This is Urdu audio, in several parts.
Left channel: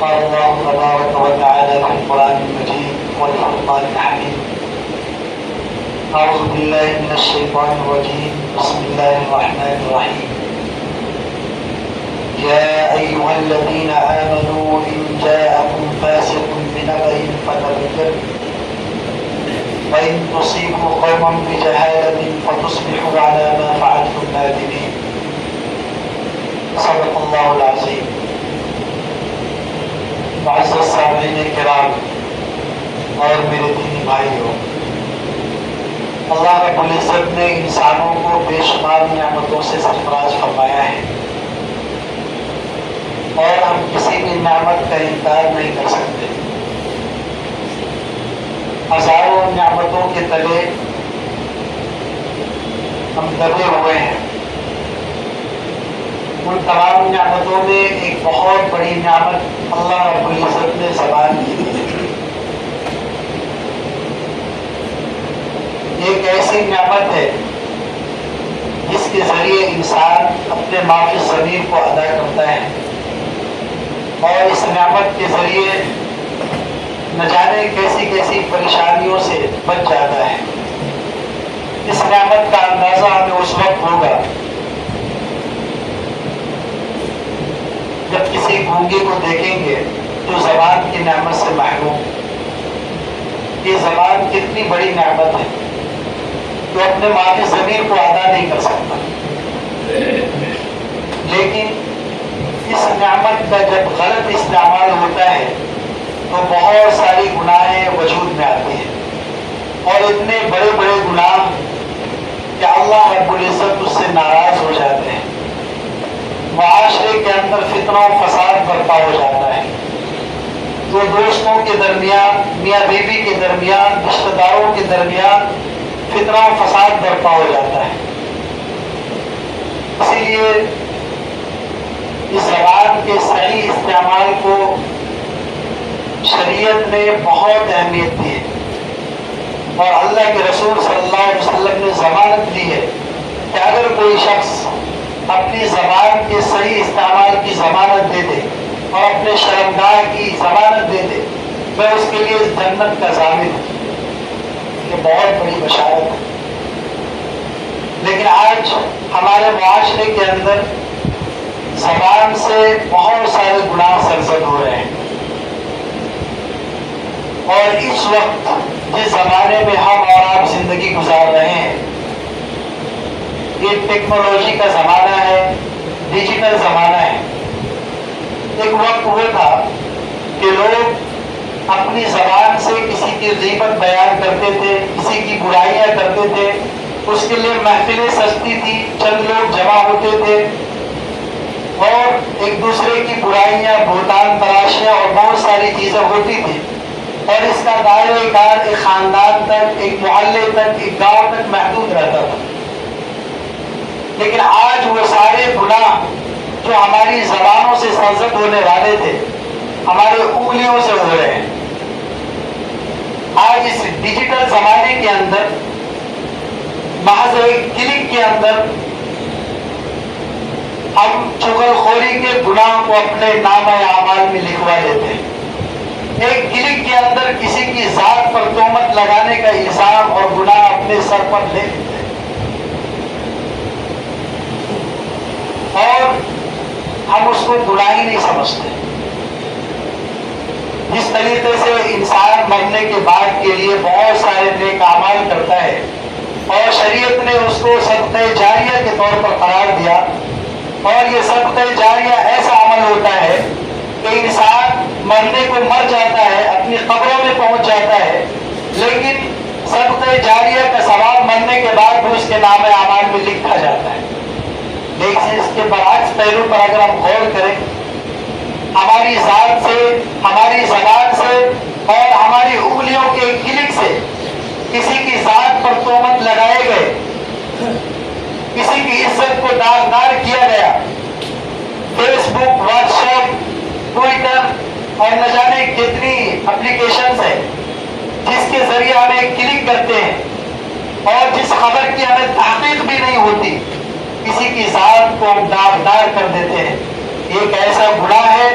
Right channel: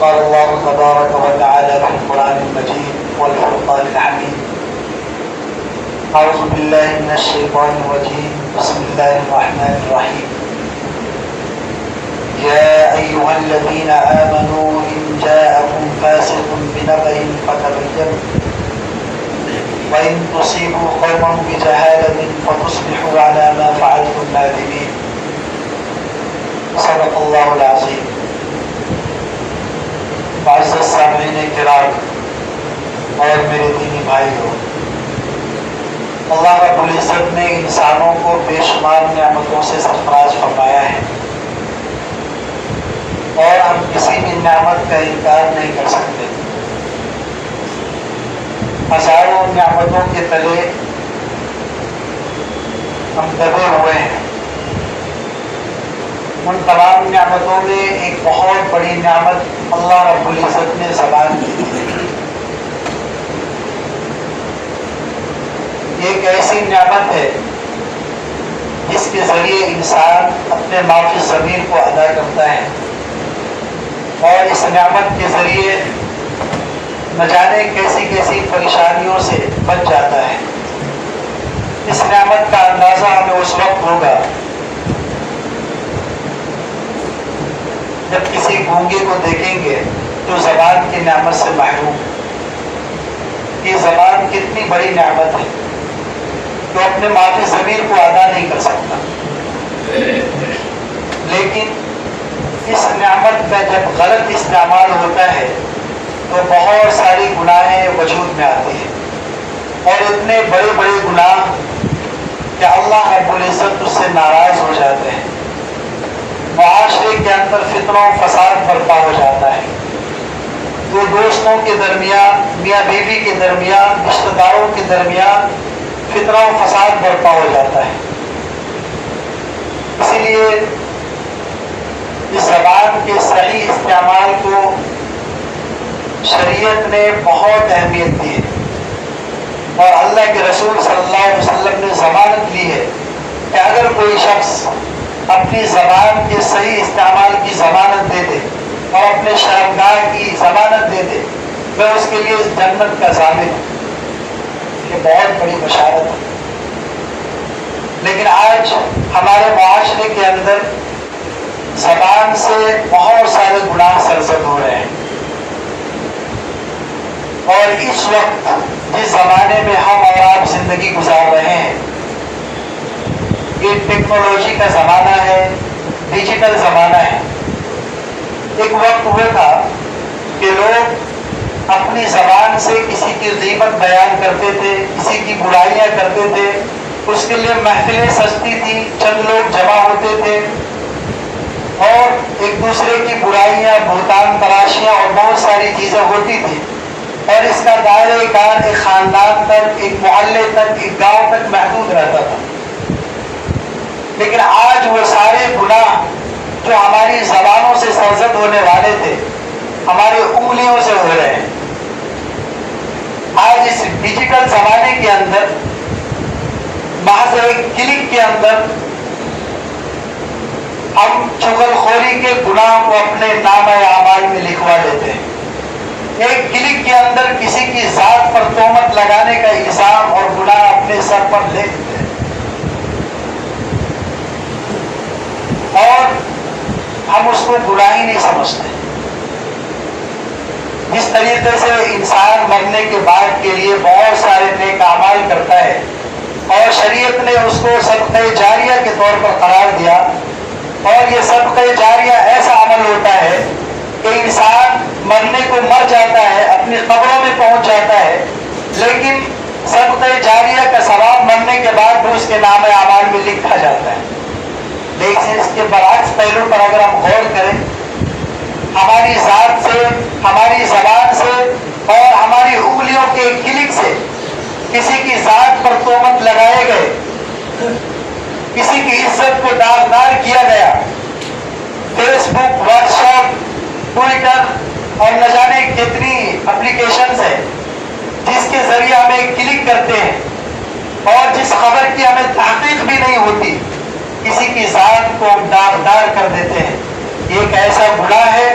قال الله تبارك وتعالى في القرآن المجيد والفرقان الحميد. أعوذ بالله من الشيطان الرجيم. بسم الله الرحمن الرحيم. يا أيها الذين آمنوا إن جاءكم فاسق بنبأ فتبينوا وإن تصيبوا قوما بجهالة فتصبحوا على ما فعلتم نادمين. صدق الله العظيم. معزز سامعین کرام اور میرے دینی بھائیوں، اللہ رب العزت نے انسانوں کو بے شمار نعمتوں سے سرفراز فرمایا ہے اور ہم کسی بھی نعمت کا انکار نہیں کر سکتے۔ ہزاروں نعمتوں کے تلے ہم دبے ہوئے ہیں۔ ان تمام نعمتوں میں ایک بہت بڑی نعمت اللہ رب العزت نے زبان کی ہے۔ یہ ایک ایسی نعمت ہے جس کے ذریعے انسان اپنے معافی ضمیر کو ادا کرتا ہے اور اس نعمت کے ذریعے نہ جانے کیسی کیسی پریشانیوں سے بچ جاتا ہے۔ اس نعمت کا اندازہ ہمیں اس وقت ہوگا جب کسی گونگے کو دیکھیں گے جو زبان کی نعمت سے محروم ہے۔ یہ زبان کتنی بڑی نعمت ہے جو اپنے معافی ضمیر کو ادا نہیں کر سکتا، لیکن اس نعمت کا جب غلط استعمال ہوتا ہے تو بہت ساری گناہیں وجود میں آتی ہیں اور اتنے بڑے بڑے گناہ کہ اللہ رب العزت اس سے ناراض ہو جاتے ہیں۔ معاشرے کے اندر فتنہ و فساد برپا ہو جاتا ہے، دو دوستوں کے درمیان، میاں بیوی کے درمیان، رشتہ داروں کے درمیان فتنہ و فساد برپا ہو جاتا ہے۔ اسی لیے اس زبان کے صحیح استعمال کو شریعت نے بہت اہمیت دی ہے اور اللہ کے رسول صلی اللہ علیہ وسلم نے ضمانت دی ہے کہ اگر کوئی شخص اپنی زبان کے صحیح استعمال کی ضمانت دے دے اور اپنے شرمگاہ کی ضمانت دے دے، میں اس کے لیے جنت کا ضامن ہوں۔ یہ بہت بڑی بشارت ہے۔ لیکن آج ہمارے معاشرے کے اندر زبان سے بہت سارے گناہ سرزد ہو رہے ہیں اور اس وقت جس زمانے میں ہم اور آپ زندگی گزار رہے ہیں، یہ ٹیکنالوجی کا زمانہ ہے، ڈیجیٹل زمانہ ہے۔ ایک وقت ہوا تھا کہ لوگ اپنی زبان سے کسی کی غیبت بیان کرتے تھے، کسی کی برائیاں کرتے تھے، اس کے لیے محفلیں سجتی تھی، چند لوگ جمع ہوتے تھے اور ایک دوسرے کی برائیاں، بہتان تراشیاں اور بہت ساری چیزیں ہوتی تھی اور اس کا دائرہ کار ایک خاندان تک، ایک محلے تک، ایک گاؤں تک محدود رہتا تھا۔ لیکن آج وہ سارے گناہ جو ہماری زبانوں سے سرزد ہونے والے تھے، ہماری انگلیوں سے ہو رہے ہیں۔ آج اس ڈیجیٹل زمانے کے اندر محض ایک کلک کے اندر ہم چغل خوری کے گناہ کو اپنے نامہ اعمال میں لکھوا لیتے ہیں۔ ایک کلک کے اندر کسی کی ذات پر تہمت لگانے کا الزام اور گناہ اپنے سر پر لے لیتے ہیں اور ہم اس کو گناہ ہی نہیں سمجھتے۔ جس طریقے سے انسان مرنے کے بعد کے لیے بہت سارے نیک اعمال کرتا ہے اور شریعت نے اس کو صدقہ جاریہ کے طور پر قرار دیا، اور یہ صدقہ جاریہ ایسا عمل ہوتا ہے کہ انسان مرنے کو مر جاتا ہے، اپنی قبروں میں پہنچ جاتا ہے، لیکن صدقہ جاریہ کا ثواب مرنے کے بعد بھی اس کے نام اعمال میں لکھا جاتا ہے۔ لیکن اس کے برعکس پہلو پر اگر ہم غور کریں، ہماری ذات سے، ہماری زبان سے اور ہماری انگلیوں کے کلک سے کسی کی ذات پر تہمت لگائے گئے، کسی کی عزت کو داغدار کیا گیا، فیس بک، واٹس ایپ، ٹویٹر اور نہ جانے کتنی اپلیکیشنز ہیں جس کے ذریعے ہم ایک کلک کرتے ہیں اور جس خبر کی ہمیں تحقیق بھی نہیں ہوتی، کسی کی ذات کو داغدار کر دیتے ہیں۔ یہ ایک ایسا گناہ ہے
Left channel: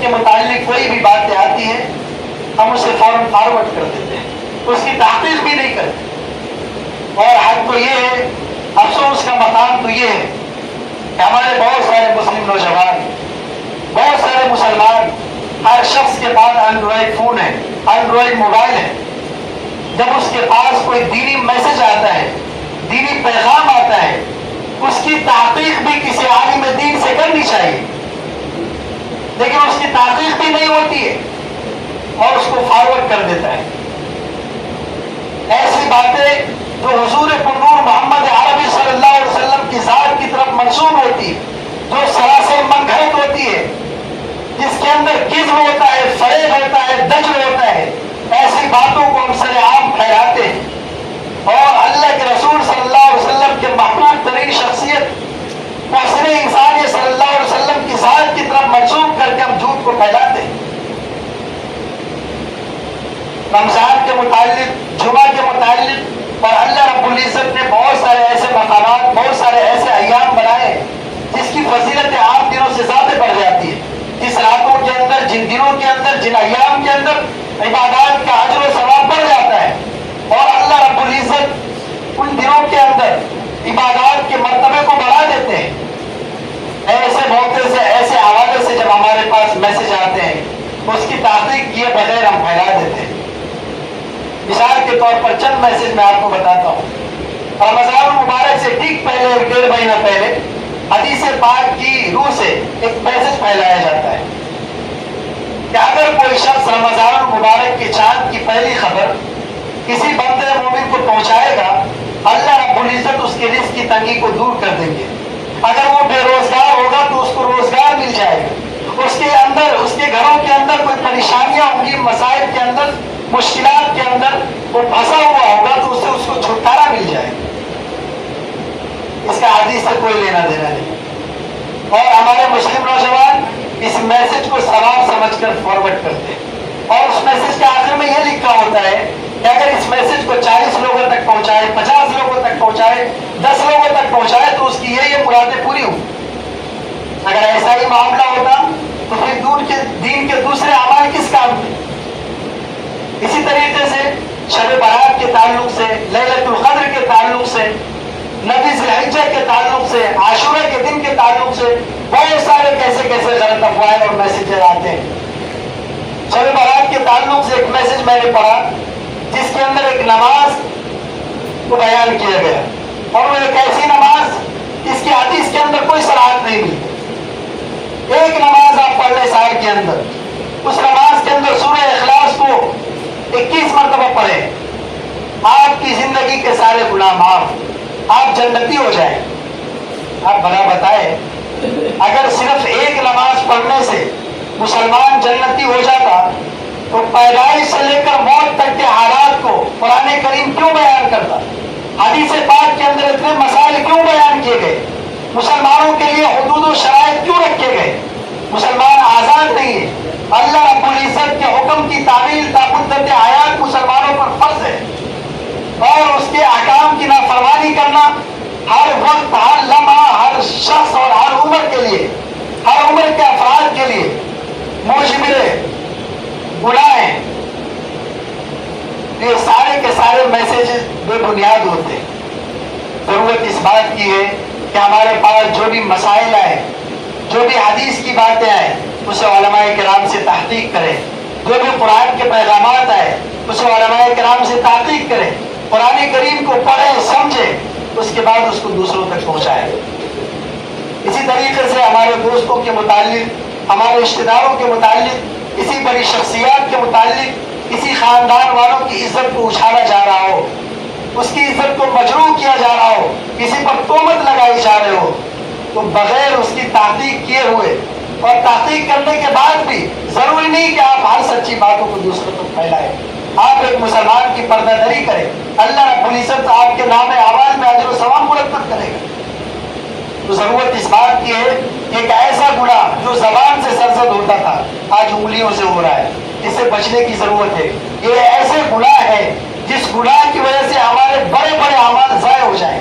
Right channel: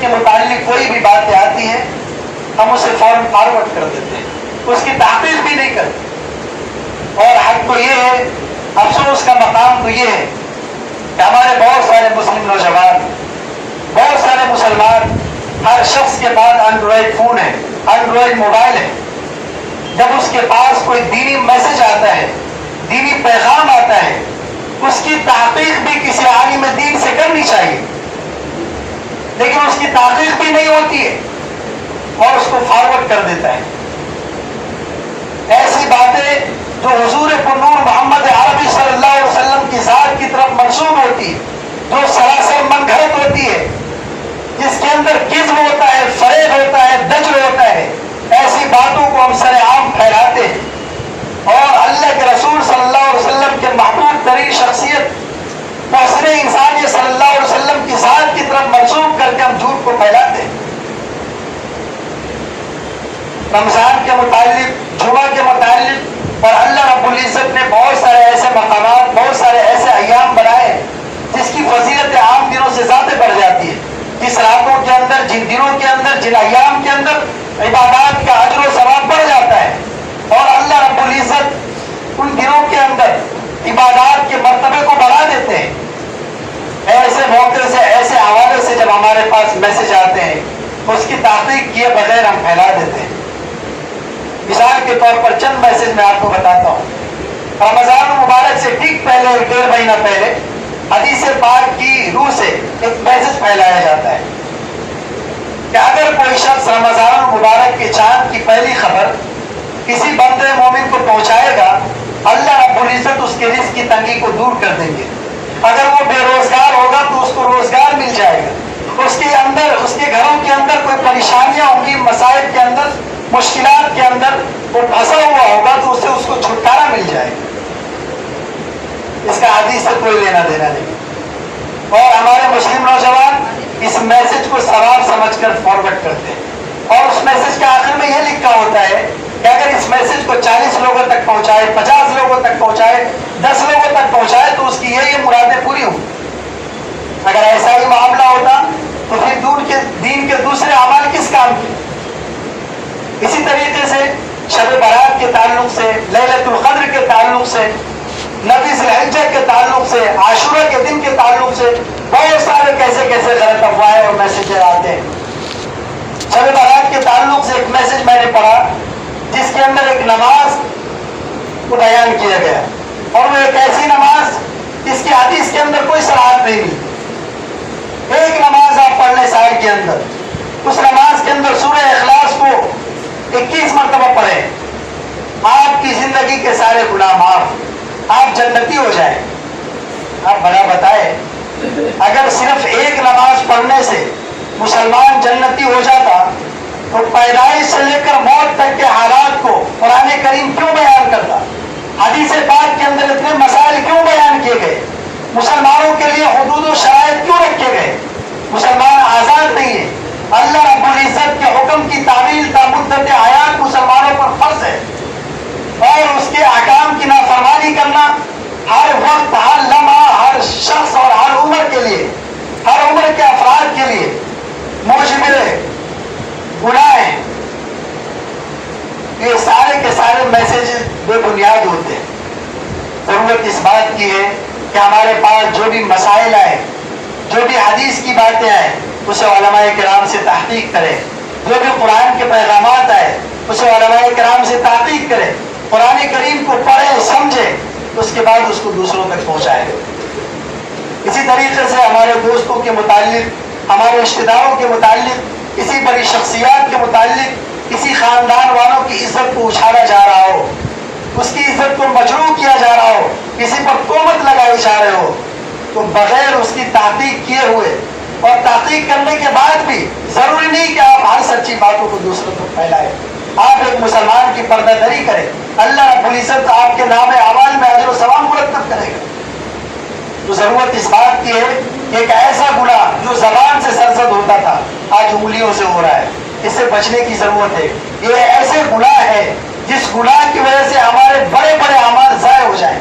کے متعلق کوئی بھی باتیں آتی ہیں ہم اسے فوراً فارورڈ کر دیتے ہیں, اس کی تحقیق بھی نہیں کرتے. اور حق تو یہ ہے, افسوس کا مقام تو یہ ہے کہ ہمارے بہت سارے مسلم نوجوان, بہت سارے مسلمان, ہر شخص کے پاس اینڈرائڈ فون ہے, اینڈرائڈ موبائل ہے. جب اس کے پاس کوئی دینی میسج آتا ہے, دینی پیغام آتا ہے, اس کی تحقیق بھی کسی عالم دین سے کرنی چاہیے, لیکن اس کی تحقیق بھی نہیں ہوتی ہے اور اس کو فارورڈ کر دیتا ہے. ایسی باتیں جو حضور پرنور محمد عربی صلی اللہ علیہ وسلم کی ذات کی طرف منسوب ہوتی ہے, جو سراسر من گھڑت ہوتی ہے, جس کے اندر کذب ہوتا ہے, فریب ہوتا ہے, دجل ہوتا ہے, ایسی باتوں کو ہم سر عام پھیلاتے ہیں. اور اللہ کے رسول صلی اللہ علیہ وسلم کے محبوب ترین شخصیت محسن انسان صلی اللہ علیہ وسلم کی ذات کی طرف منسوب کر کے ہم جھوٹ کو پھیلاتے ہیں. رمضان کے متعلق, جمعہ کے متعلق, اور اللہ رب العزت نے بہت سارے ایسے مقامات, بہت سارے ایسے ایام بنائے جس کی فضیلت عام دنوں سے زیادہ بڑھ جاتی ہے. جس راتوں کے اندر, جن دنوں کے اندر, جن ایام کے اندر عبادات کا اجر و ثواب بڑھ جاتا ہے, اور اللہ رب العزت ان دنوں کے اندر عبادات کے مرتبے کو بڑھا دیتے ہیں. ایسے موقع سے, ایسے حوالے سے جب ہمارے پاس میسج آتے ہیں, اس کی تحقیق کیے بغیر ہم پھیلا دیتے ہیں. مثال کے طور پر چند میسج میں آپ کو بتاتا ہوں. رمضان المبارک سے ٹھیک پہلے, 1.5 مہینہ پہلے, حدیث پاک کی روح سے ایک میسج پھیلایا جاتا ہے کہ اگر کوئی شخص رمضان المبارک کے چاند کی پہلی خبر کسی بندے مومن کو پہنچائے گا, اللہ رب العزت اس کے رزق کی تنگی کو دور کر دیں گے. اگر وہ بے روزگار ہوگا تو اس کو روزگار مل جائے گا. اس کے اندر, اس کے گھروں کے اندر کوئی پریشانیاں ہوں گی, مسائل کے اندر, مشکلات کے اندر وہ پھنسا ہوا ہوگا تو اس سے اس کو چھٹکارا مل جائے گا. اس کا حدیث سے کوئی لینا دینا نہیں. اور ہمارے مسلم نوجوان اس میسج کو ثواب سمجھ کر فارورڈ کرتے ہیں, اور اس میسج کے آخر میں یہ لکھا ہوتا ہے کہ اگر اس میسج کو 40 لوگوں تک پہنچائے, 50 لوگوں تک پہنچائے, 10 لوگوں تک پہنچائے تو اس کی یہ مرادیں پوری ہوں. اگر ایسا ہی معاملہ ہوتا تو پھر دین کے دوسرے اعمال کس کام کے. اسی طریقے سے شب برات کے تعلق سے, لیلۃ القدر کے تعلق سے, نبی ذی الحجہ کے تعلق سے, عاشورہ کے دن کے تعلق سے بہت سارے کیسے کیسے غلط افواہیں اور میسیجز آتے ہیں. شب برات کے تعلق سے ایک میسج میں نے پڑھا جس کے اندر ایک نماز کو بیان کیا گیا, اور وہ ایک ایسی نماز جس کی حدیث کے اندر کوئی صراحت نہیں ملتی. ایک نماز آپ پڑھ لیں سال کے اندر, اس نماز کے اندر سورہ اخلاص کو 21 مرتبہ پڑھیں, آپ کی زندگی کے سارے گناہ معاف, آپ جنتی ہو جائیں. آپ بھلا بتائیں, اگر صرف ایک نماز پڑھنے سے مسلمان جنتی ہو جاتا تو پیدائش سے لے کر موت تک کے حالات کو قرآن کریم کیوں بیان کرتا؟ حدیث پاک کے اندر اتنے مسائل کیوں بیان کیے گئے؟ مسلمانوں کے لیے حدود و شرائط کیوں رکھے گئے؟ مسلمان آزاد نہیں ہے. اللہ رب العزت کے حکم کی تعمیل تا مدت حیات مسلمانوں پر فرض ہے, اور اس کے احکام کی نافرمانی کرنا ہر وقت, ہر لمحہ, ہر شخص اور ہر عمر کے لیے, ہر عمر کے افراد کے لیے موجب گناہ ہے. یہ سارے کے سارے میسج بے بنیاد ہوتے ہیں. ضرورت اس بات کی ہے کہ ہمارے پاس جو بھی مسائل آئے, جو بھی حدیث کی باتیں آئے, اسے علماء کرام سے تحقیق کریں. جو بھی قرآن کے پیغامات آئے اسے علماء کرام سے تحقیق کریں. قرآن کریم کو پڑھیں, سمجھیں, اس کے بعد اس کو دوسروں تک پہنچائیں. اسی طریقے سے ہمارے دوستوں کے متعلق, ہمارے رشتے داروں کے متعلق, کسی بڑی شخصیات کے متعلق, کسی خاندان والوں کی عزت کو اچھالا جا رہا ہو, اس کی عزت کو مجروح کیا جا رہا ہو, کسی پر تہمت لگائی جا رہے ہو, تو بغیر اس کی تحقیق کیے ہوئے اور تحقیق کرنے کے بعد بھی ضروری نہیں کہ آپ ہر سچی باتوں کو دوسروں تک پھیلائیں. آپ ایک مسلمان کی پردہ دری کریں, اللہ رب العزت آپ کے نام اعمال میں اجر و ثواب مرتب کرے گا. تو ضرورت اس بات کی ہے, ایک ایسا گناہ جو زبان سے سرزد ہوتا تھا آج انگلیوں سے ہو رہا ہے, اس سے بچنے کی ضرورت ہے. یہ ایسے گناہ ہے جس گناہ کی وجہ سے ہمارے بڑے بڑے اعمال ضائع ہو جائیں.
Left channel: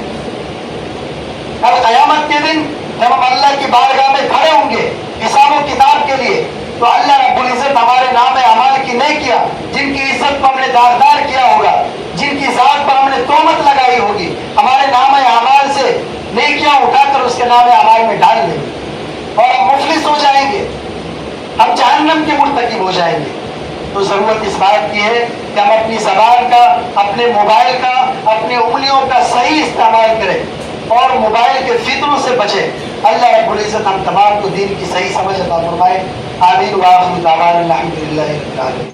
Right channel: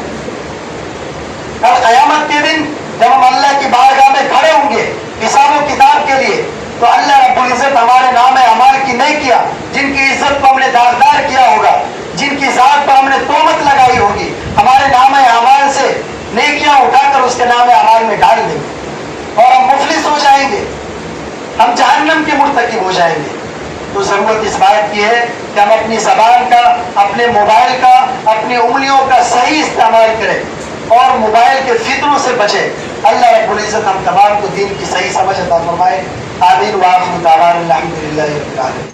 اور قیامت کے دن جب ہم اللہ کی بارگاہ میں کھڑے ہوں گے حساب و کتاب کے لیے, تو اللہ رب العزت ہمارے نام اعمال کی نہیں کیا، جن کی عزت کو ہم نے داغدار کیا ہوگا، جن کی ذات پر ہم نے تہمت لگائی ہوگی، ہمارے نام اعمال سے نیکیاں اٹھا کر اس کے نام اعمال میں ڈال دیں گے اور ہم مفلس ہو جائیں گے، ہم جہنم کے مرتکب ہو جائیں گے۔ تو ضرورت اس بات کی ہے کہ ہم اپنی زبان کا، اپنے موبائل کا، اپنی انگلیوں کا صحیح استعمال کریں اور موبائل کے فتنوں سے بچیں۔ اللہ رب العزت ہم تمام کو دین کی صحیح سمجھ عطا فرمائے۔ آمین وآخر دعوانا الحمدللہ رب العالمین۔